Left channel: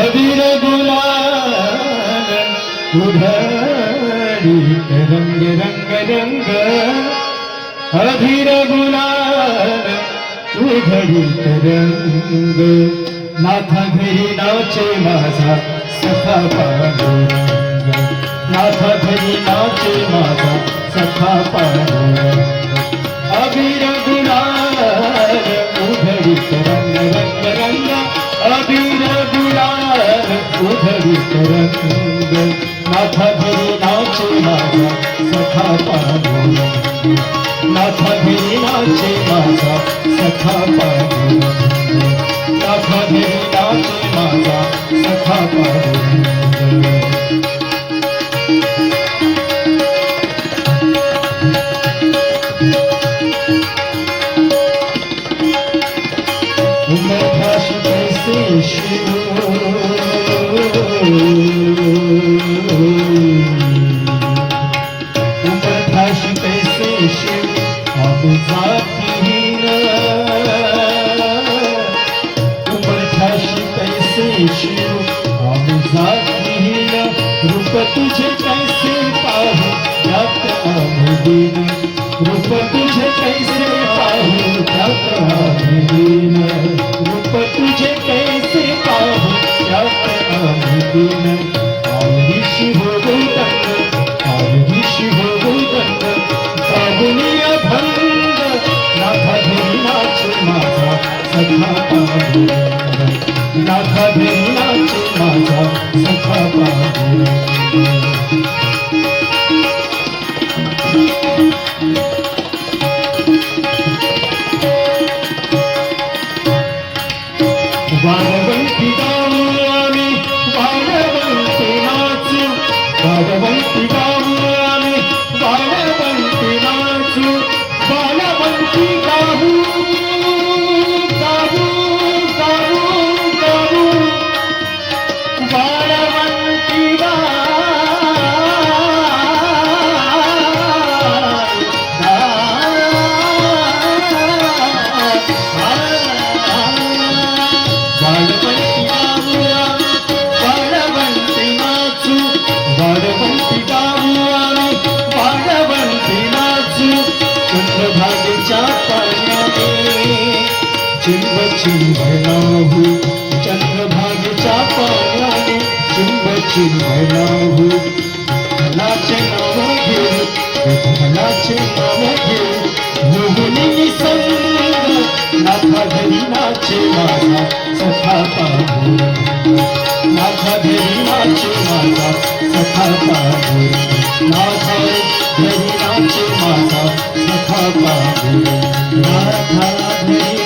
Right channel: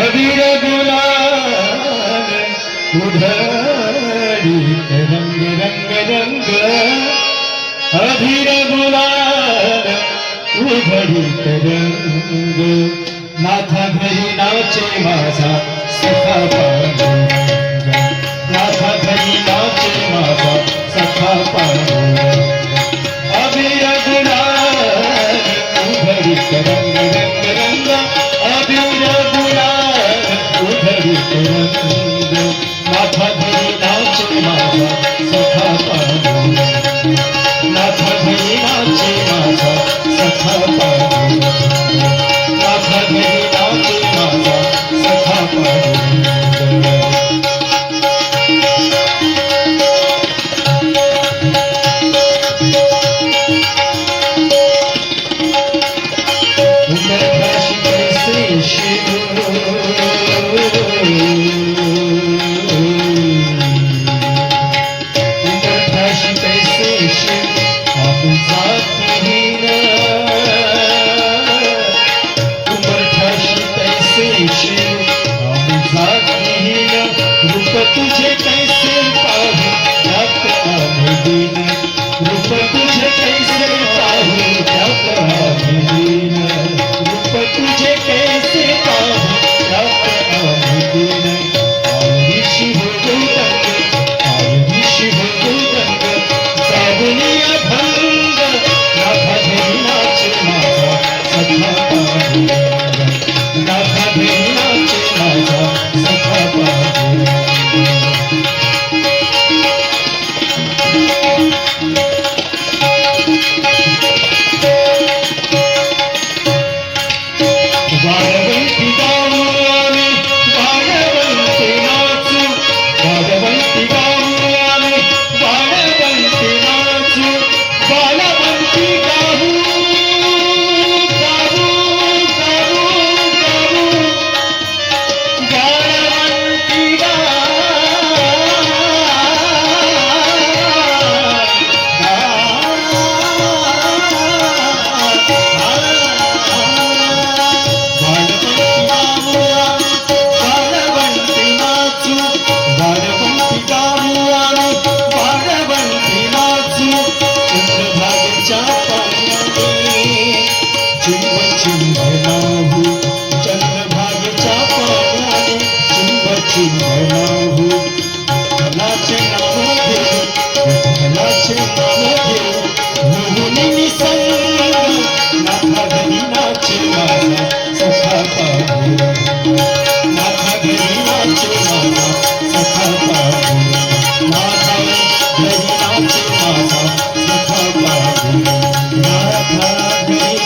अबीर गुलाल उधळीत रंग रंग रंग अबीर गुलाल उधळीत रंग नाथा घरी नाचे माझा सखा पांडुरंग नाथा घरी नाचे माझा सखा पांडुरंग अबीर गुलाल उधळीत रंग रंग रंग अबीर गुलाल उधळीत रंग नाथा घरी नाचे माझा सखा पांडुरंग नाथा घरी नाचे माझा सखा पांडुरंग नाथा घरी नाचे माझा सखा पांडुरंग उमरठाशी कैसे शिव उमरठाशी कैसे शिव अब जातीन उमरठाशी कैसे शिव अब जातीन रूप तुझे कैसे पाहू त्यात आम्ही दिन रूप तुझे कैसे पाहू त्यात आम्ही दिन रूप तुझे कैसे पाहू त्यात आम्ही दिन आयुषी हो गंग आयुषी हो गंग साबुनिया भंग नाथा घरी नाचे माझा सखा पांडुरंग नाथा घरी नाचे माझा सखा पांडुरंग वाळवंटी गाऊ आम्ही वाळवंटी नाचू वाळवंटी गाऊ आम्ही वाळवंटी नाचू वाळवंटी गाऊ गाऊ गाऊ गाऊ वाळवंटी वाळवंटी गाऊ आम्ही वाळवंटी नाचू चंद्रभागेच्या पाण्याने चिंब चिंब नाहू चंद्रभागेच्या पाण्याने चिंब चिंब नाहू विठ्ठलाचे नाव घेऊ विठ्ठलाचे नाव घेऊ मोहिनी निसंग नाथा घरी नाचे माझा सखा पांडुरंग नाथा घरी नाचे माझा सखा पांडुरंग नाथा घरी नाचे माझा सखा पांडुरंग नाथा घरी